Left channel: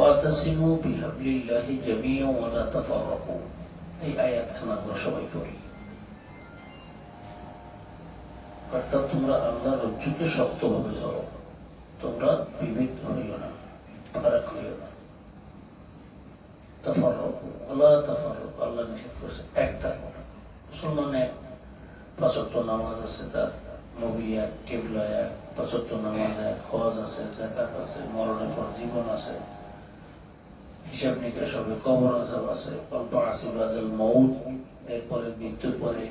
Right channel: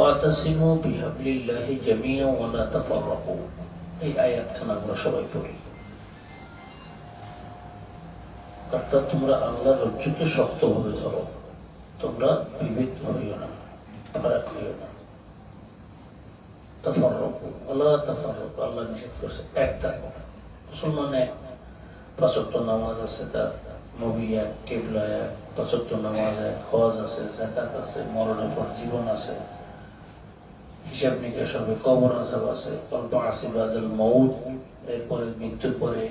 ওয়াতাসিমু বিহাবলিল্লাহি জামিআন ওয়া লা তাফাররাকু। এই আয়াতখানা আমরা সবাই পড়ি। অর্থাৎ তোমরা আল্লাহর রজ্জুকে শক্তভাবে ধরো, তোমরা বিভক্ত হইও না, ফারাক হইও না। তাফাররাকু ওয়া তাফাররাকু, আল্লাহ নিষেধ করছে এক থাকো। মুসলমানে ৫ ওয়াক্ত নামাজ আছে, তার নবী এক, কিবলা এক, ৫ ওয়াক্ত নামাজ এক, হজ আছে, যাকাত আছে, মরণের পর জীবন আছে, হিসাব নিকাশ হবে, কবর আযাব আছে, কল্প বাদাল মউত, এরপরে মৃত্যুর পরে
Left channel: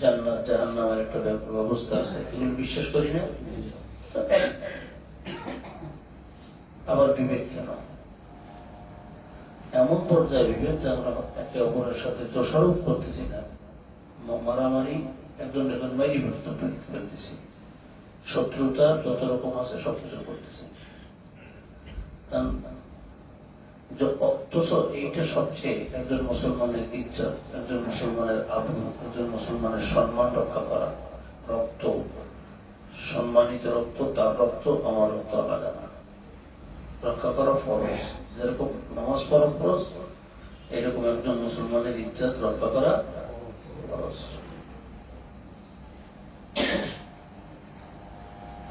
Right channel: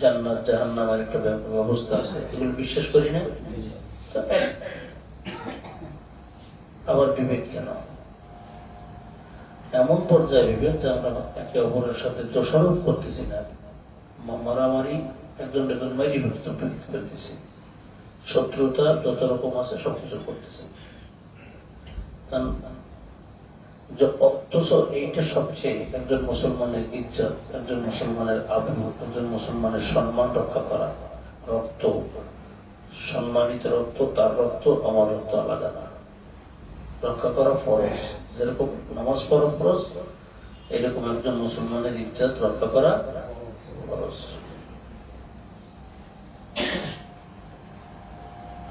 জান্নাত জাহান্নামের একটা ব্যবস্থা আছে। এগুলো বিশ্বাস করি না? আবার বিবেক কেন? এমন পর্যায়ে বিবেক যে আমরা একে অপরের সাথে দোষারোপ করতেছি না, মারামারি, একজন একজন মারি ফেলতেছি, শত্রুতা যত রকম আছে সবকিছু করতেছি। অথচ এইটা সবচেয়ে একজন মুসলমানের ইজ্জত, একজন মুসলমানের আবরু, একজন মুসলমানের সম্মান রক্ষা করা। রক্ত, সম্মানিত রক্ত, তার রক্ত আমার রক্ত আলাদা না, রক্ষা করা ফরজ। যেরকম নামাজ পড়া ফরজ, এইরকম একজন মুসলমানের ইজ্জত রক্ষা করা ফরজ।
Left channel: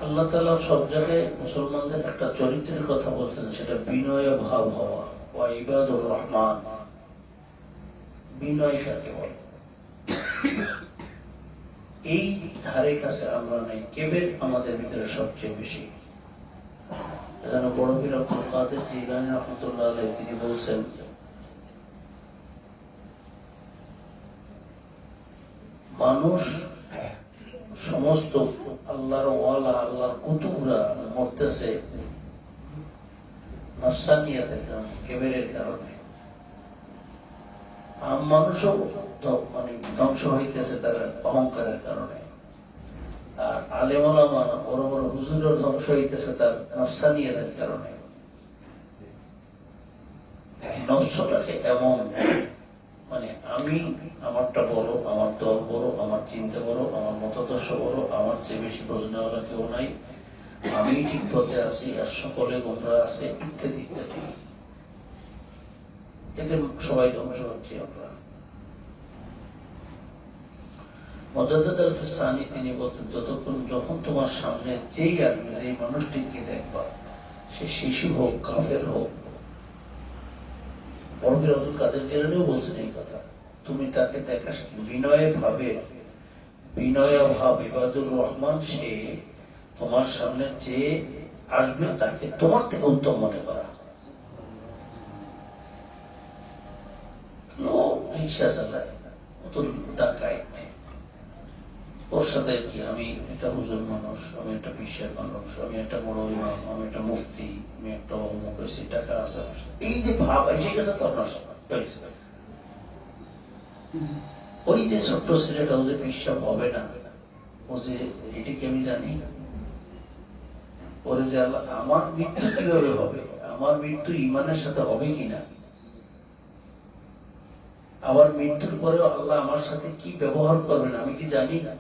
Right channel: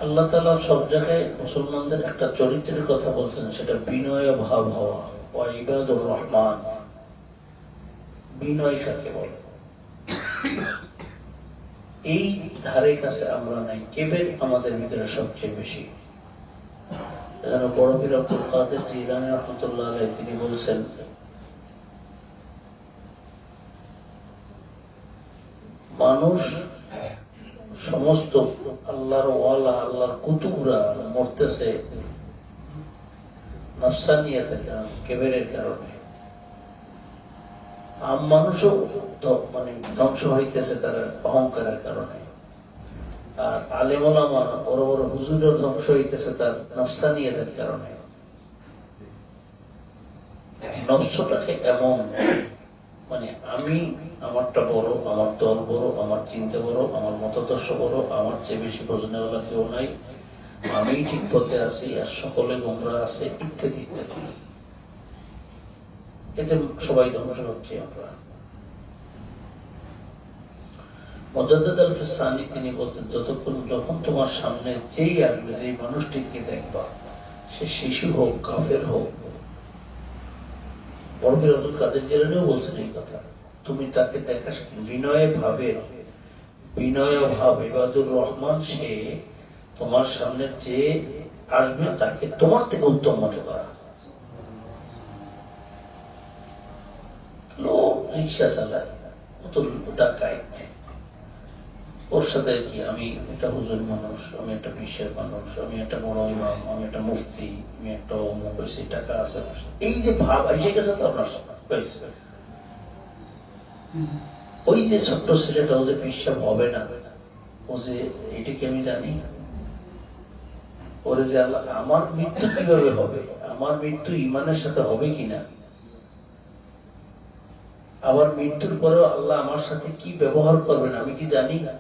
আল্লাহ তাআলা সব জায়গায় মুসলমানদের একটা চরিত্রের কথা বলতেন, সেটা বিনয় ভাব হওয়া। ওয়া ইবাদুর রহমান, বিনয় কাকে বলে? এই ধারে কাছে আমরা নাই, কেবের আমাদের ভিতরে সবচেয়ে বেশি। বড় পীর আব্দুল কাদের জিলানী রাহমাতুল্লাহ আলাইহি তিনি বলছেন, মানুষ সমস্ত আল্লাহর ওয়ালা, আল্লাহর কুতুবরা মরতেছে নাফসানিয়াতের কারণে, কেবেরের কারণে। আম মানুষও মানে ধ্বংস হইতেছে তার অহংকারের কারণে। আর আলেম ওলামা, বড় বড় হুজুরও ধ্বংস হইতেছে তার নাফসানিয়াতের কারণে। নফসটাকে এমন মানে আমি, আমারটা বড়, আমার দল বড়, আমার চিন্তা বড়, আমার মতাদর্শ বড়, আমার চেয়ে বেশি বোঝানোর কেউ নাই, আমি ঠিক পথে আছি আর সকলে গোমরা আছে, ইত্যাদি ইত্যাদি। এতে সবাই ধ্বংস হচ্ছে। আমরা মুজাদ্দিদ আল-ফিসানি তিনি বলতেন, যখন তোমার সামনে যেই আসবে, যেই মানুষটিকে দেখবা, সে শিশু হোক, কাফের হোক, বড় পীর আব্দুল কাদের জিলানীও বলছেন এই কথা, তুমি তাকে দেখা বিনয় ভাবে, বিনয় ভাব ইবাদুর রহমান, সে তোমার সামনে যে আসবে তাকে তোমার থেকে উত্তম মনে করা। লোক রিক্সা চালায়, ডাকাইত, ওর সাথে কি আমি একটা হুজুর মানুষ, আমি একটা বিশ্বের মানুষ, আমি একটা বড় ইমাম, আমি একটা মুফতি, আমি একটা অমুক, বেশি টাকা আছে, এই যে ভাব এসে গেছে তো আপনার ওই যে ছোট্ট ছেলেটা, ও যে বিশ্বাস হবে না, ও যে এটাকে আমি জানি, ওরে যে আল্লাহ আমার মৃত্যু কিভাবে হবে, আমার মৃত্যু ইমানের সাথে হবে কিনা, আবার মৃত্যুর পরেও আল্লাহ আমার সাথে কি ব্যবহার করবেন আমি কি জানি না।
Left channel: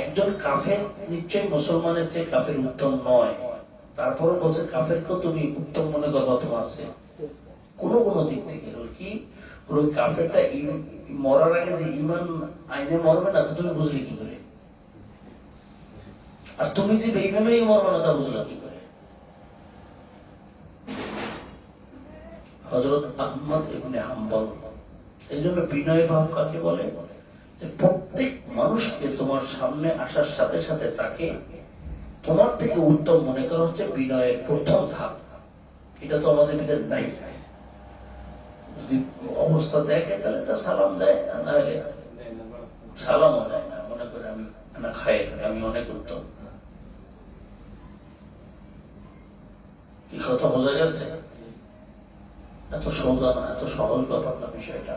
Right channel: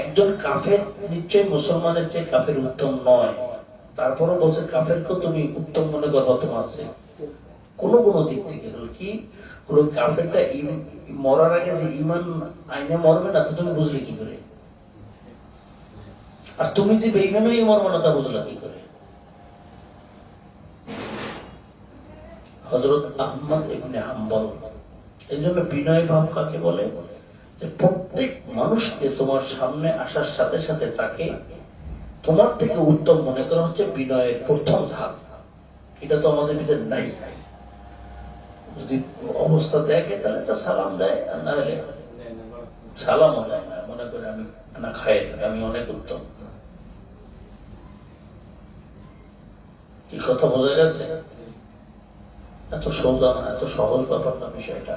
একজন কাফের নিশ্চয় মুসলমানের চেয়ে কাফের উত্তম নয়, তারপরে বলছে কাফেরকেও তুমি উত্তম মনে করবা তোমার চেয়ে কোনো কোনো দিক থেকে। কি ওই কাফেরটা মরার আগে যে ইমান আইনে মরবে না, তো তুমি বুঝলে কি করে? আর তুমি যে বেঈমানে মরবে না, তা বুঝলা কি করে? হযরত আহমদ ইবনে হাম্বল এই জন্য বিনয় ভাব কাকে বলে, যে প্রত্যেক মানুষকে তোমার সামনে আসার সাথে সাথে তাকে তোমার থেকে উত্তম মনে করা হচ্ছে বিনয়ের প্রথম ধাপ। এটা তো আমাদের ভিতরে নাই। যদি অবস্থা দেখে তাহলে একটা সালাম দেয়, আর না হলে সালামও দেয় না, মনে করে আমি না খাই, আমি অনেক উত্তম। কি কথা বোঝা গেছে? এত সোজা না, এত সহজ ব্যাপার না বিষয়টা।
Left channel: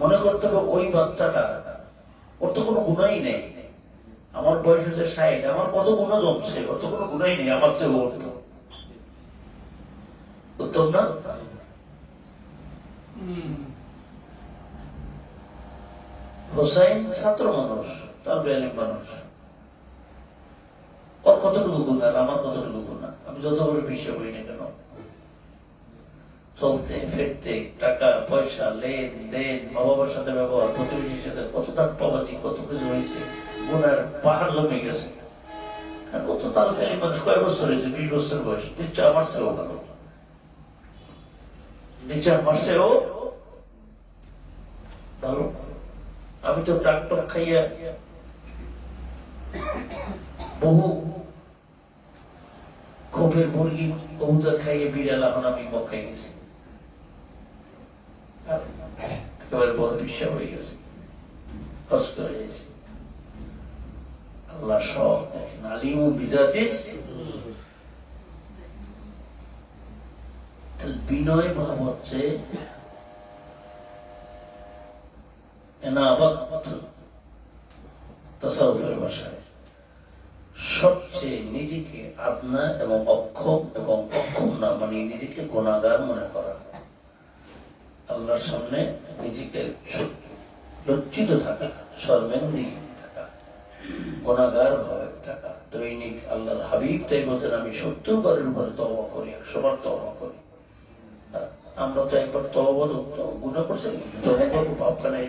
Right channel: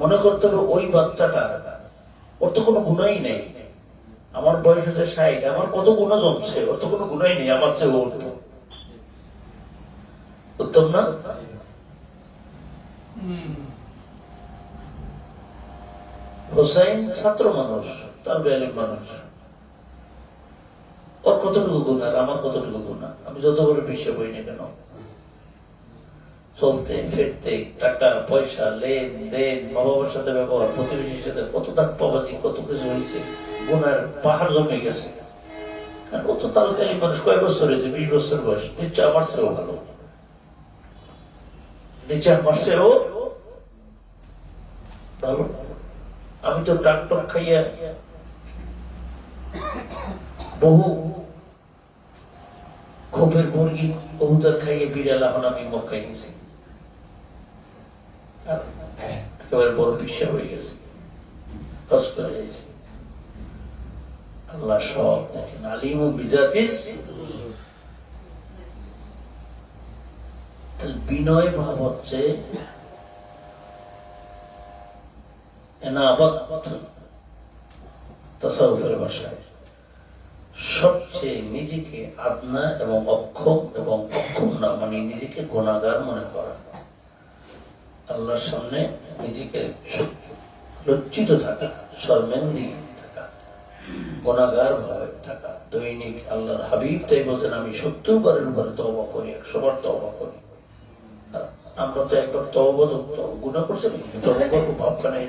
মনে করতে হবে ওই বাচ্চাটা, ওর তো কোনো গুণাই নেই, আমার বয়স হচ্ছে ৬০, আমার কত গুণা জমছে, ওর তো কোনো গুণাই নেই, আমার চেয়ে উত্তম না? হোসাইন ছাত্র মানুষ, তার বেআলিম মানুষ, কতটুকু গুণ আর আমার কতটুকু গুণ? আমি যত বড় বিশ্বে বই না কেন, চলতে ফিরতে, টাকা পয়সা, লেনদেন, মা বাবার সাথে ব্যবহার, প্রতিবেশীর সাথে কত দাগ পাবাজি, কত কিছু হয়েছে, গুণের পাহাড় জমে গেছে। কত তাড়াতাড়ি মানুষ কয় বছর হয়েছে, 20 বছর বয়স, নিশ্চয় আমার চেয়েও ভালো, নিশ্চয় আমার চেয়েও ভালো। আমি তো ডাক্তার খাইয়া বহু ক্ষোভের মুরগি কবুতর খাইয়ে বিড়াল, এখন আমি মক্কায় গেছি, একেবারে বড় বিশ্বাস হয়ে গেছে, কষ্ট হয়ে গেছে। আল্লাহ সব দেখেন, আলিম ও বিজাতিস। বিনয় ভাব হচ্ছে তাসাউফের ভাষায় সবচেয়ে নিজেকে আদনা এবং অক্ষম এবং অক্ষম না মানে নিজেকে গুনাহগার মনে করা, আল্লাহর সামনে নিজেকে লজ্জিত থাকা, শর্মেন্দি থাকা, গুনাহগার ভাবে থাকা। দৈনিক আল্লাহর হাবিব তাই বলতেন, আমি 70 বারের উপরে তওবা করি, 100 বার তওবা করি। আমরা তো একবার তওবা গুনাহ করছি, তওবা করবো ভাবটা নেই।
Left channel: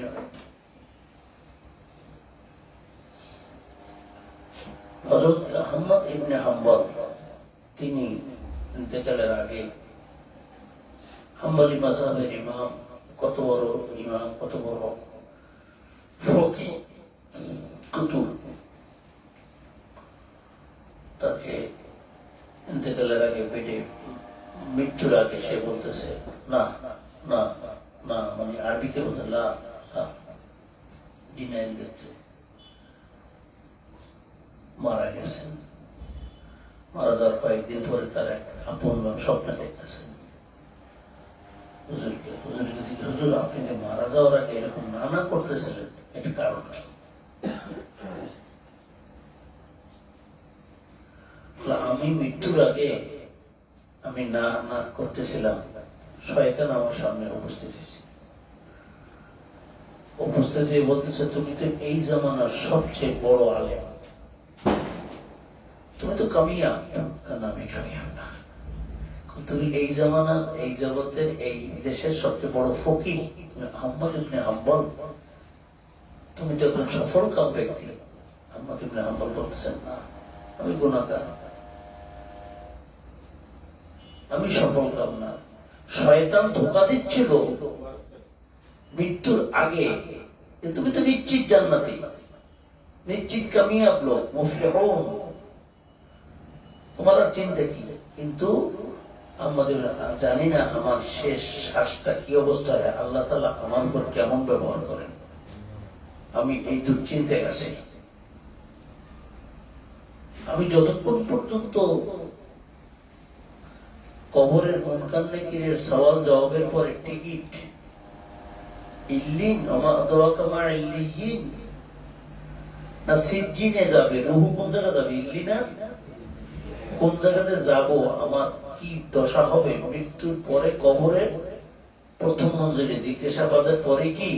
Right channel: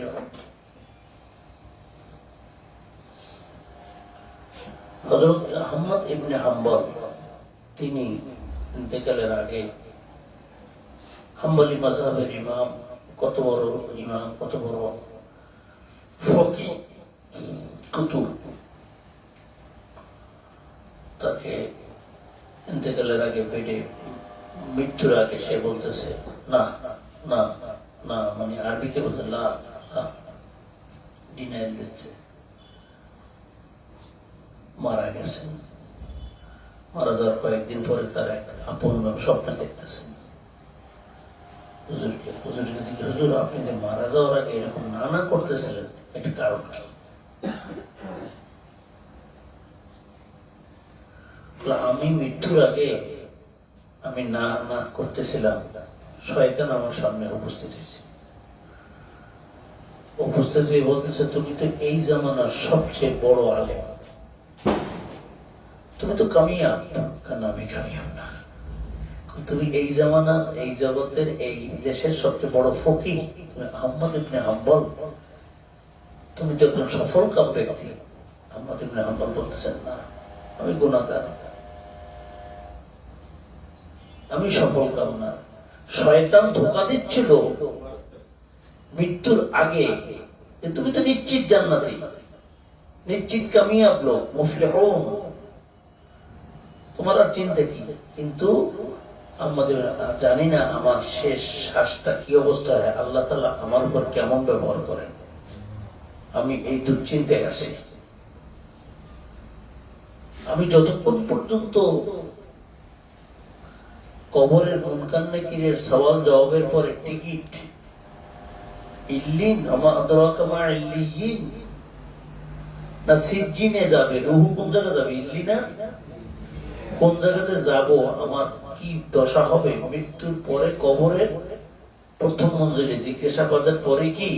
হযরত আহমদ ইবনে হাম্বল তিনি ইন্তেকালের আগে হাম্বলি মাযহাবের ইমাম, কত বড় ইমাম, কত বড় ফকিহ কুতুব, তাকে ইন্তেকালের আগে বেডে, মৃত্যুর আগে সে বলতেছে না না না, মানে আরবিতে বলতে লা, ডিনাইল দিচ্ছে, মারা গেছেন। মারা যাওয়ার কয়েকদিন পরে তার এক আপন স্বপ্নে দেখতেছেন হুজুরকে। হুজুরকে জিজ্ঞেস, হুজুর আপনি যে মারা যাওয়ার আগে এরকম না না করতেছিলেন, একটা কারণ কি? আমি মৃত্যুর আগে আমি না না করতেছিলাম, শয়তান আমার সামনে উপস্থিত হয়েছে, উপস্থিত হয়ে বলতেছে, তুমি তো এই জামানার সবচেয়ে বড় আলেম, তুমি তো কামিয়াব। কেন আমি কামিয়াব না? তুমি এই জামানা, এই জগতের, এই দেশের সবচেয়ে বড় ফকিহ, তুমি আহমদ ইবনে হাম্বল, তুমি তো একজন সফল কাম ব্যক্তি। আহমদ ইবনে হাম্বল বলতেছেন, না আমি গুনাহগার, আমি সফল কাম না। শয়তান ধোঁকা দিচ্ছিল মৃত্যুর আগে, তুমি তো নিশ্চিত জান্নাতি, নিশ্চিত কামিয়াব লোক, মুফলিহুন, তোমার আর চিন্তা কি? কিন্তু আমাদের জানি না আমার শেষ শ্বাসটা কি অবস্থা হয়, আল্লাহ তাআলা আমার উপর কেমন ব্যবহার করেন, আমি এই দুশ্চিন্তায় আছি। আমি যতক্ষণ পর্যন্ত কবরের মুনকার নাকিরের সওয়াল জবাবের পরে টিকিট ইল্লিন, আমা আদরাকা মা ইল্লিয়িন, না সিজ্জিনে যাবে, রূহ কোন জায়গায় যাবে? ইল্লিনা কোন জায়গাতে যাব, আমার কি দশা হবে? মৃত্যুর পরে কবরে প্রথম মঞ্জিলে জিজ্ঞাসাবাদের পরে কি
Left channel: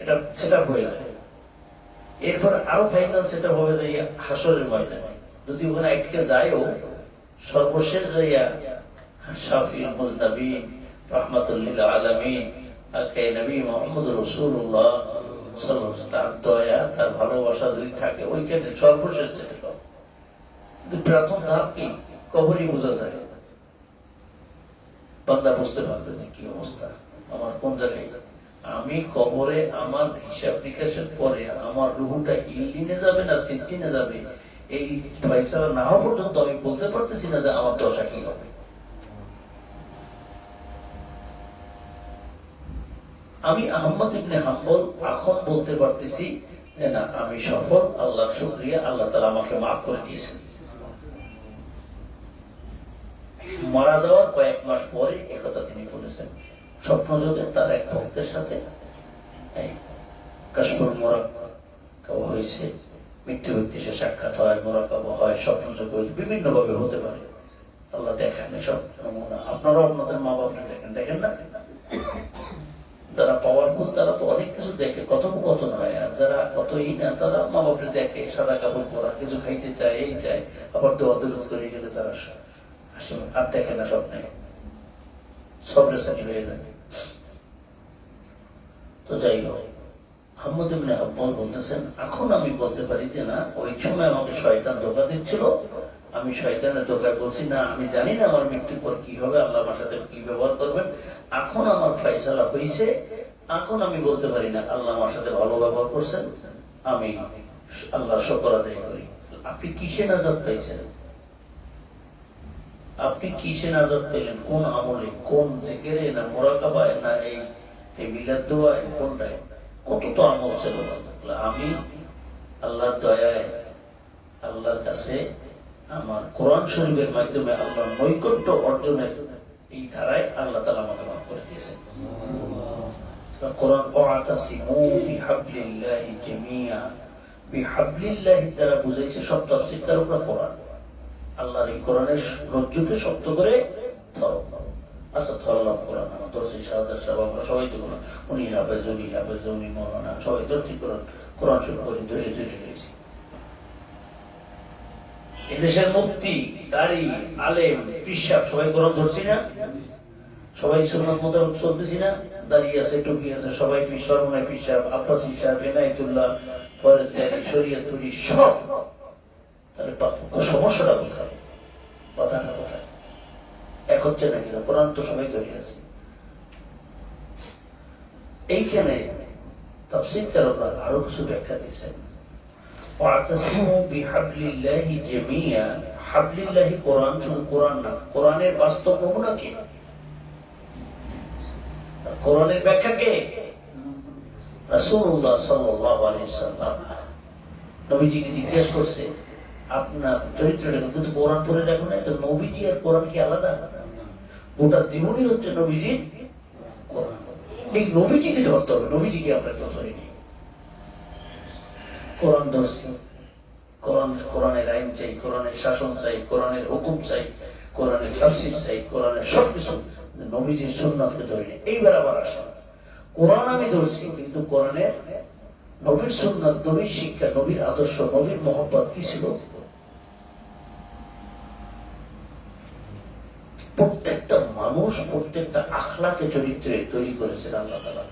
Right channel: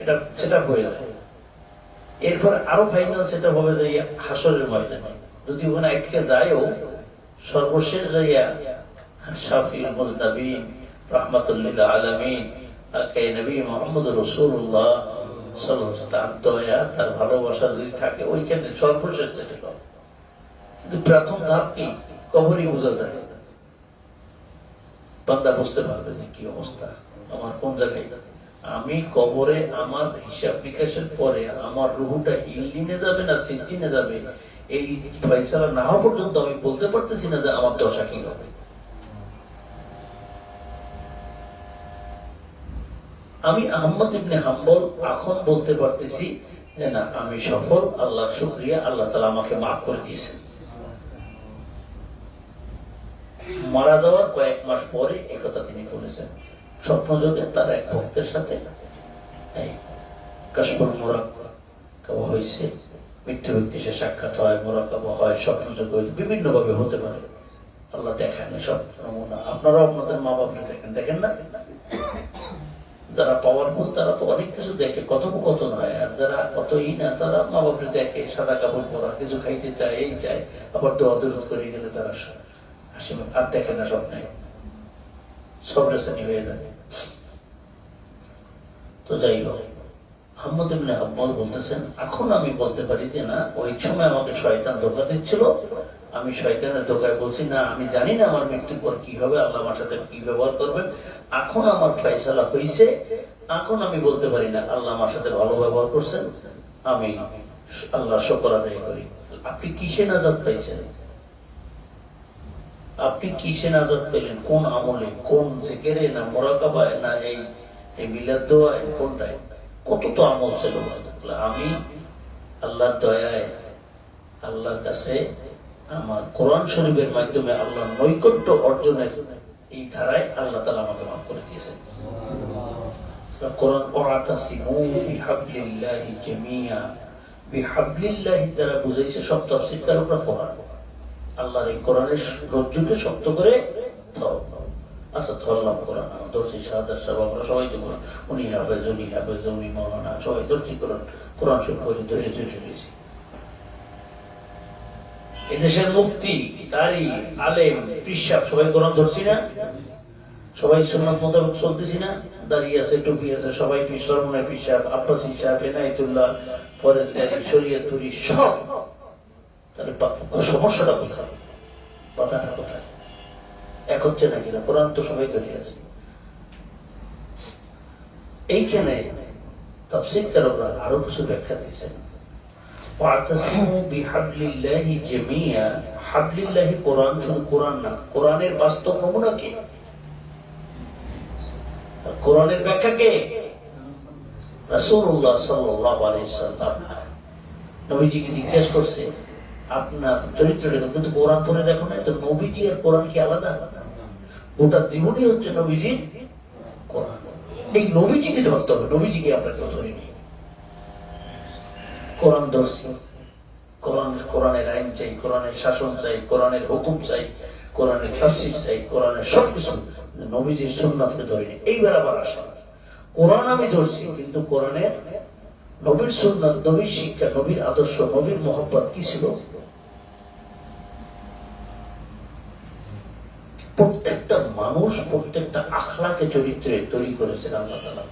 এটা সেটা হয়ে যায়, এরপর আরো ফাইনাল সেটা হবে যাইয়া হাসরের ময়দানে। যদি ওখানে আটকে যায়ও, সর্বশেষ যাইয়া শাফিউল মুজনাবিন রাহমাতুল লিল আলামিন কে নবী মুহাম্মদ রাসূলুল্লাহ সাল্লাল্লাহু আলাইহি ওয়াসাল্লাম, তার দয়া, তার ভালোবাসা যদি থাকে, ওইখানে সর্বশেষ সেটেল হবে। কিন্তু প্রথম ধাপ কি? কবরই বোঝা যায়, বান্দা বুঝতে পারবে না কি অবস্থা, আমার কোন জায়গায়। আমি কবরে আমার হিসাব নিকাশের পরে আমার রুহুটা ইল্লিনে যাবে না সিজ্জিনে যাবে, এই ফয়সালা না হওয়া পর্যন্ত আমি বলতে পারতেছি না যে আমার দশা কি হবে। আমি আহমদ ইবনে হাম্বল এখন বলতে পারতেছি যে না, আমি সফল, আল্লাহর শুকরিয়া, আল্লাহ তাআলা আমাকে মাফ করে দিয়েছেন। মারা যাওয়ার কয়েক মাস পরে একথা তিনি বলেছেন, স্বপ্নযোগে তার এক ভক্তের সাথে কাশফুল মুরাকাবা হয়েছে, মৃত্যু ব্যক্তি সে সাক্ষাৎ হয়, মুরাকাবা হয়, স্বপ্নযোগ বিভিন্ন ভাবে হতে পারে, আল্লাহ দেখান সব নমুনা। আপনারাও আপনাদের মা বাপকে দেখেন, দেখেন না? যারা পাওয়ারফুল তারা তো অনেক কিছু দেখে, কথোপকথন হয়। আর যারা কতই না তারা মা বাপরে দেখে, সাদা কাপড় পরা, কিছু খাইতে চায়, এই চায়, আবার তো অদরুদ করে গেলে তারা আর দেখে না, স্বপ্নে সব রেসানি হয়ে যাবে। তো যাই হোক, আহমদ ইবনে হাম্বল বলতেছেন, এখন আমি বলতে পারি যে না, ওই সময় আমাকে শয়তান ধোঁকা দিচ্ছিল, আমি শয়তানের ধোঁকায় বলছি না, আমি জানি না আমার মৃত্যুর পর কি হবে, আল্লাহ আমার সাথে কি ব্যবহার করবেন। এখন আমার ফয়সালা হয়েছে, এখন আমি বলতে পারি না আল্লাহ আমার সাথে ভালো ব্যবহার করছেন, আমি আল্লাহ শুকর আদায় করি। আপনি কিসে নাজাত পাইছেন? আপনি কিসে নাজাত পেলেন? কোন আমলে, কোন জিকিরে, না মুরাকাবায়, না এই মিলাদ দোয়ায়, কোনটায়? কত তো আমল ছিল। আমি আল্লাহর দয়ায়, আল্লাহর কাছে আমার কোরআন শরীফের মাধ্যমে আল্লাহ নৈকট্য অর্জনের এই ধারায় আল্লাহ তাআলা আমাকে মাফ করে দিয়েছেন। কোরআন ওয়াতাসিমু বিহাবলিল্লাহি জামিয়া, বিহাবলিল্লাহি দ্বারা বুঝাইছে সব তাফসীরকার উপর কোরআন, আল্লাহর এই কোরআনের রজ্জুকে শক্ত করে ধরো। আচ্ছা, ধরলাম কোরআন, দর্শী শাহাদাত সাহেব, আমরা সবাই তো কোরআন, উনি হাফেজ, উনি মৌলানা, সবাই ধরছি কোরআন, কোরআন সব করে ধরে ধরে রয়েছে। এদেশের মুফতি, কারি, আলেম, পিসাব সবাই কোরআন ধরছি না? সবাই সুন্নাত মোতাবেক চলতেছি না? দাঁড়িয়ে আছে, টুপি আছে, সবাই সরমনায় পিসাব, আব্বাসী সাহেব, এনায়েতুল্লাহ, শরীয়তপুরি সব। তাহলে সমস্যাটা কোথায়? বাধাটা কোথায়? এক হচ্ছে না কিনা? কোরআন তো সবাই ধরে আছে। এইখানে তাফসীরকাররা আরো কিছু ব্যাখ্যা দিয়েছেন। ওয়াতাসিমু বিহাবলিল্লাহি জামিয়া, হাবলিল্লাহি কোরআন, শুধু কোরআন না, কোরআনের বাস্তব নমুনা কে? কোরআনের ব্যাখ্যা কে? রাসূলুল্লাহ সাল্লাল্লাহু আলাইহি ওয়াসাল্লাম। নবীজিকে জিজ্ঞেস করছে, আপনার চরিত্রটা কিন্তু কোরআন পড়ে দেখো না, তো নবীজি আর কোরআন কি আলাদা? গোটা জীবনই হচ্ছে নবীজির কোরআন। এই নবীজিকে ধরতে হবে, নবীজিকে আমরা কেউ ধরিনি। কোরআন ধরছি, কোরআনের আইন চাই, কোরআনের শাসন চাই, কোরআনের হুকুম চাই, কোরআনের তাফসীর চাই, কোরআনের সবকিছু, নবীজির সুন্নাতকে ধরিনি। এইবার আবার আসে, কোরআন আমি ধরছি, কিন্তু কোরআনের নবীর সুন্নাত, নবীর শিক্ষা, নবীর আদর্শ, নবীর মহব্বত কি ছিল? প্রত্যেকটা মানুষ প্রত্যেকটা আখলাকে চরিত্রে তৈরি করেছেন আল্লাহ তাআলা।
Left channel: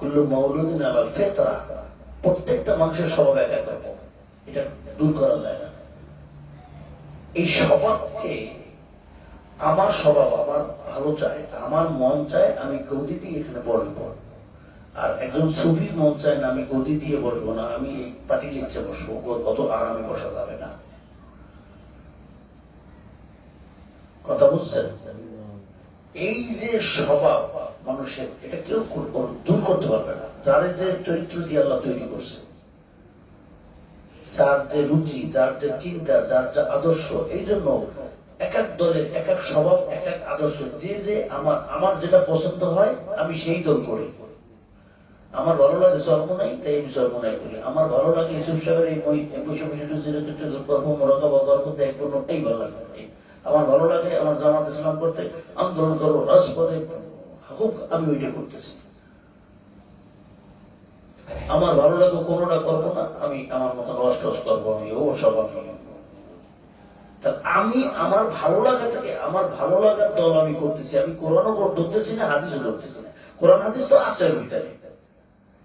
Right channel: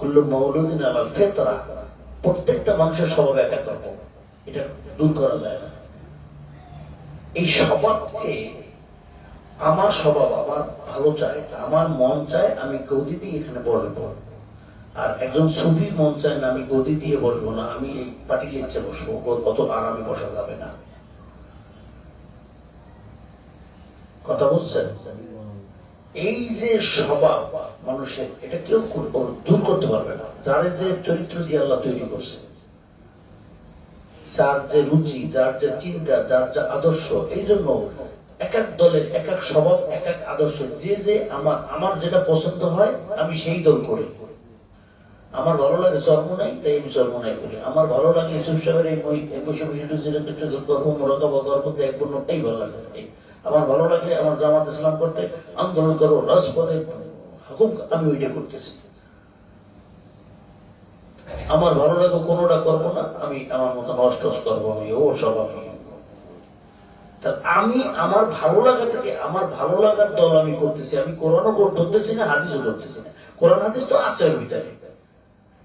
কুল্লু মাউলুদিন আলাল ফিতরা, প্রত্যেকটা মানুষের স্বভাব এক এক রকম, এটা দূর করা যায় না। এই স্বভাবকে, আমার স্বভাব আমার ভালো চায়, আমার মন চায় আমি গদি দিয়ে এখানে বসবো, আর একজন সুফি মন চায় না আমি গদি দিয়ে বসবো না, আমি এই পাটির ইচ্ছে বসবো, কত আরামে বসা যাবে না। কথা বুঝছেন? এই যে স্বভাব মানুষের, এটা কেউ দূর করতে পারবে না। যার যে চরিত্র দিয়ে আল্লাহ তৈরি করছে, যার যে রুচি, যার যে চিন্তা, যার যে আদর্শ, এই জন্য এক এক দলের এক এক স্বভাব, এক এক আদর্শ। যে আমার যেটা পছন্দ হয় আমি সেই দল করি। আমার ভালো লাগে চরমোনাই, তাই আমি চরমোনাই করি। আমার ভালো লাগে ইউসুফ সাহেবের এই বসে বসে গর্ব মোরাকাবা করতে এক বন্যটাই ভালো লাগে। আমার ভালো লাগে আমার জামাত ইসলাম করতে, আন্দোলন করবো, রাজপথে হুকুম, আমি ওইটা করতেছি। আমার ভালো লাগে কোনোটা করবো না, আমি আমার মতো নষ্ট করবো, আমি ও সব আমি আমার ভালো লাগা থেকে, আমার ভালো লাগার দল আমি করতেছি। আমি কোরআনও ধরতেছি না, হাদিসও ধরতেছি না। কোরআন হাদিস তো আছে ভিতরে,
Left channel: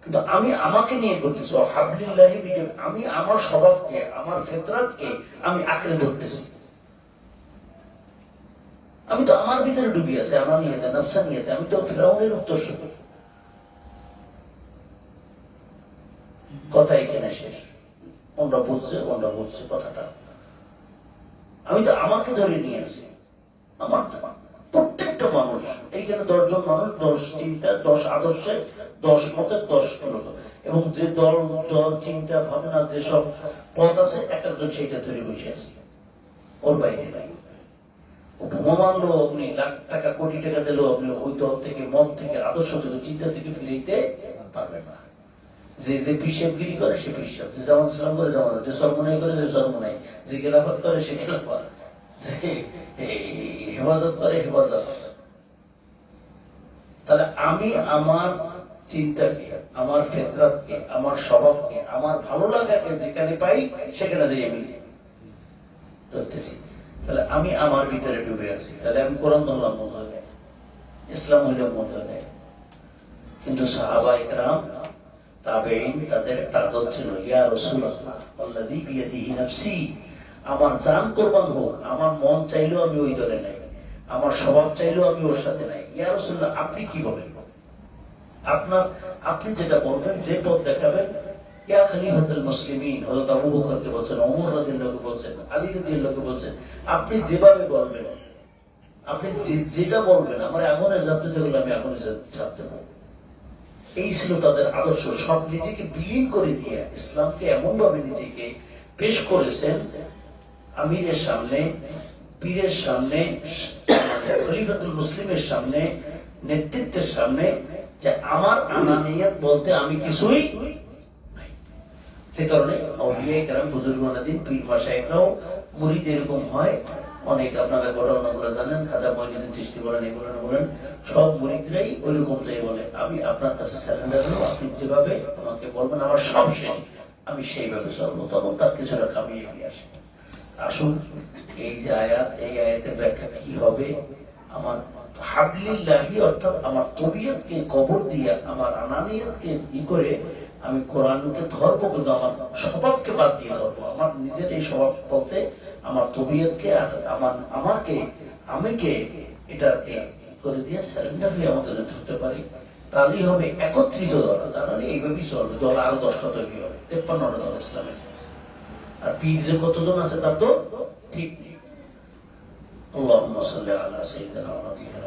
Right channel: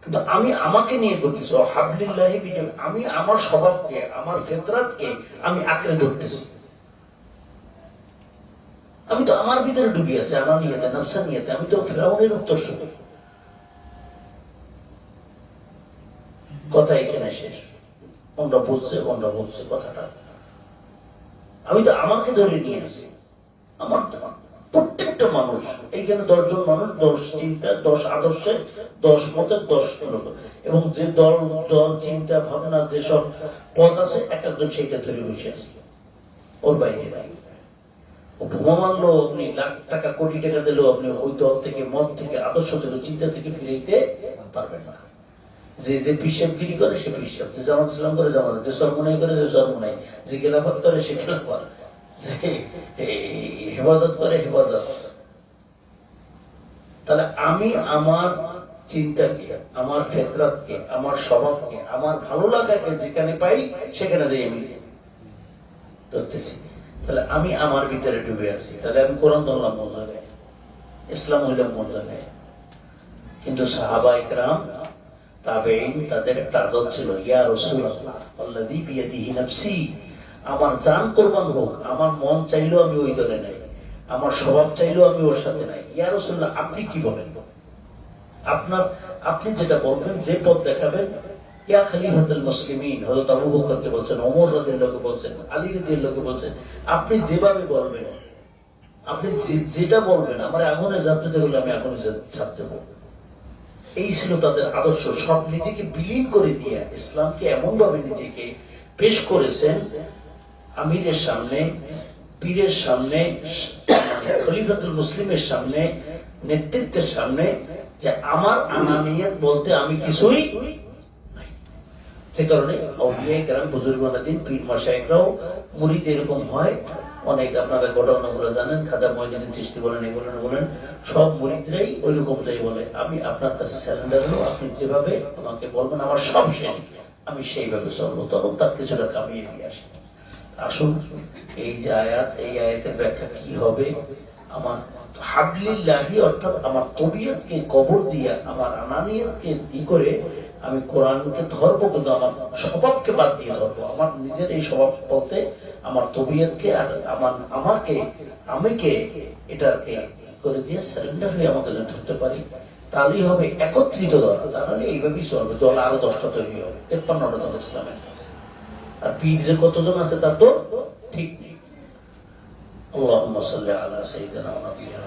কিন্তু আমি আমাকে নিয়ে করতেছি। হাবলিল্লাহি বিজামিয়া, আমি আমার স্বভাবকে, আমার ফিতরাতকে আমি আঁকড়ে ধরতেছি। আমি তো আমার ভিতরে ডুবি আছে, আমার নিয়েতে, নফসা নিয়েতে। আমি তো ফিরআউনের উত্তরসূরি। কথা এখানে শেষ। ওনরা বলছে কথাটা, আমি তো আমাকে ধরে নিয়ে আসি। আমার প্রত্যেকটা মানুষ, এইখানে 10 জন মানুষ, 10 চিন্তা, 10 আদর্শে, 10 মতের 10 লোক, এবং যে দল চিন্তা ভাবনা যেসব পথ আছে, এক একজন সেইটা ধরে বসে আছে, ওর বাইরে নাই। ও বোমা মারলো, আপনি লাখ টাকা কোটি টাকা দিলেও আপনি ওই দল থেকে, মত থেকে, আদর্শ থেকে, চিন্তা থেকে ফিরাইতে পারবেন না। যে পিসাবগিরি করে সে পিসাব, যে জামাত ইসলাম করে জামাত, যে সরমনাই করে যে সরমনাই, যে খেলাফত করে সে খেলাফত, যে হেফাজত করে হেফাজত। তাহলে আমি আমার চিন্তাকে, আমার ফিতরাতকে, আমার স্বভাবকে, আমার ভালো লাগাকে যেখানে পাই সেখানে যাই আমি ধরতেছি। তাহলে আমি আমার ভিতরে ডুবে আছি। তাহলে আমি কোরআন ধরলাম কোন জায়গায়, ইসলাম হইলাম কোন জায়গায়? কিন্তু সাহাবা ইকরাম তাবেঈন তাদের একটা আদত ছিল, ইয়া রাসূলুল্লাহ আল্লাযী বিয়াদিহি নাফসি, আমার জান কুরবান হোক, আমার মন চাইলেও আমি ওই দলে নাই, আমার স্বভাব চাইলেও আমি ওর সাথে নাই। ইয়া রাসূলুল্লাহ আপনি কি বলেন? আপনি যেটা বলবেন, যে পথ দেখাবেন। ইয়া খলিফাতুল মুসলিমিন, হযরত আবু বকরকে বলছেন, ওমর রাদিয়াল্লাহু বলছেন, আলী রাদিয়াল্লাহু বলছেন, আপনি যেভাবে বলবেন, আপনি যেটা বলবেন, আমার আগুনে জানতে বললে আমি আগুনে জানতে বলবো। এই ছিল তাদের আদর্শ। সব নিজেকে বিলীন করে দিয়ে ইসলামকে এমন ভাবে নিজেকে পেশ করেছেন আমিরের সামনে, পীরের সামনে, খলিফাতুল মুসলিমের সামনে, নেতৃত্বের সামনে, যে আমার আনানিয়াত বলতে আমি কিছুই নাই। সে কারণে আউলিয়া কেরাম, বুজুর্গানে দিন, পীর মাশায়েখরাও মুরিদ এরকম হয়। অনেক আপনারা ঘটনাগুলো জানেন, খাজা মঈনুদ্দিন চিশতি বলেন, বলেন সব মুরিদরাই ওইরকম তাই বলে, আমি আপনার কাছে সারেন্ডার হলো, আপনি যেভাবে আমাকে বলবেন আমার সব শেষ, আমি সেইভাবে চলবো। তখন তার কিছুটা কামিয়ে দিয়ে আসে। আসুন, এই যে আয়াত, এই আয়াতের ব্যাখ্যা কি হবে? আমার হাবলিল্লাহি, অর্থাৎ আমার তবিয়তকে কবর দিয়ে, আমার আনানিয়তকে করে আমি কোরআনকে ধরবো, কিন্তু আমার স্বভাবকে বাদ দিয়ে ধরবো। আমার নিজের এই স্বভাব বলতে আমার তবিয়তকে আর আমিকে এটাকে করে দিয়ে সারেন্ডার হয়ে আমাকে ধরতে পারি, তাহলেই হবে একত্রিত দল। তার মানে এইভাবেই চলবে, দল আরো 10টা তৈরি হবে, 53টা দল ইসলামের। আর পীর যে কতজন আছে তার তো ঠিক নেই। আল্লাহুম্মা সাল্লি আলা সাইয়্যিদিনা ওয়া নাবিয়িনা